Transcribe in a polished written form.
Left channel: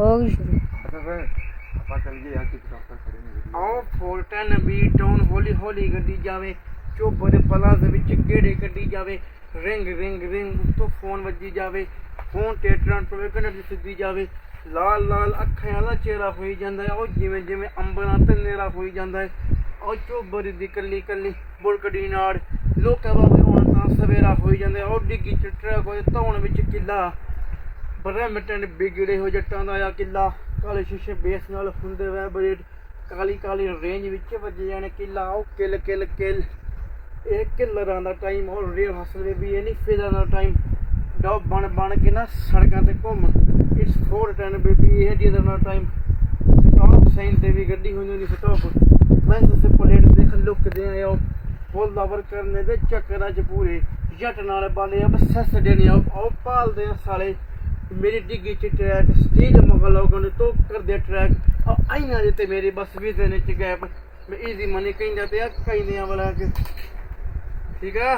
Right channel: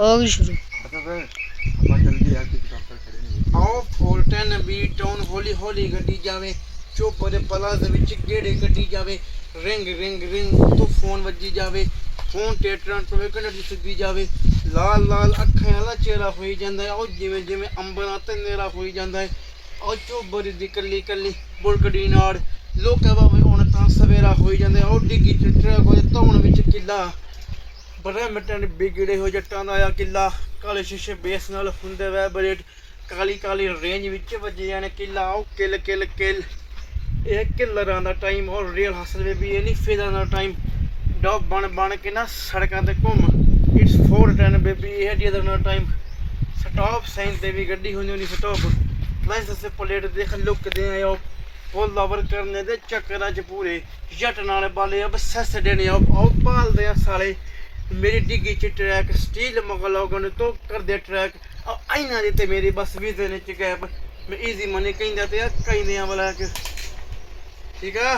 हो गई शुरू। आओ 410 बी टाउन हौली हौली गड्डी जावे, चोबर पलाज विच गेड़े कड्डी जावे, रिंग रिंग रिंग तो फोन वजी जावे, फोन ते ट्रांसफर सुधी जावे, लाल लाल अखां वाला चेहरा होई जांदा है, और जिवें जिवें अंबरां ते नेरा होई जांदा है, और चोबर दी कल्ली कल्ली बुलकड़ी नाड़ लोकां भावें हुण तां सवेरा होई जांदा है, और डिग्गी च ट्रक होए धौण विच किला ब्रह्मटन बिगड़े हो जट्टां दा आ किला, काले शीशे बेस नाल हुंदे वैबरेट, काली काली रेंज विच वजे जाने किला, आओ किल किल किल ਇਹ ਕਿਲਰਾਂ ਦਾ ਟਾਈਮ ਔਰ ਰੀਅਲ ਹਸਲ ਬੇਬੀ ਇਹ ਨਹੀਂ ਫਿਜ਼ਾ ਦਾ ਟਾਈਮ ਡੌਬ ਬਣ ਕੇ ਨਾ ਸੜਕਾਂ ਤੇ ਘੁੰਮ ਇਟਸ 410 ਬੇਬੀ ਇਹ ਜਿਹਦਾ ਦਾ ਟਾਈਮ ਸਟਾਪ ਸਾਈਨ ਤੇ ਵੀ ਗੱਡੀ ਹੋਣੀ ਨਹੀਂ ਸਟਾਪ ਲਾਇਸੈਂਸ ਤੇ ਪਲੇਟ ਦੇਖ ਲੁੱਕਦੇ ਆ ਉਹ ਫੁੱਲ ਓਵਰ ਕਰਨੇ ਦੇ ਚੱਕਰਾਂ 'ਚ ਪੂਰੇ ਜੱਟ ਨਾਲ ਬਾਲੇ ਅਬ ਸੱਸ ਦੇਣੇ ਉਹ ਪਾਲਦੇ ਆ ਸਾਲੇ ਮੇਰੀ ਡਿੱਗੀ 'ਚ ਟਰੈਕ ਸਟੀਲ ਮਗਲੋਗਨ ਨੇ ਤੋਂ ਕਰਦੇ ਟਰੈਕ ਆਈਨਾ ਦੇ ਤੇ ਮੇਰੀ ਬਸ ਵੀਜ਼ੇ ਨੇ ਚ ਗੈਪ ਮੈਂ ਈਜ਼ੀ ਮਨੀ ਕਹਿੰਦਾ ਤੇ ਆ ਕਹਿੰਦੇ ਆ ਵਾਲਾ ਕਿ ਠੀਕ ਹੈ।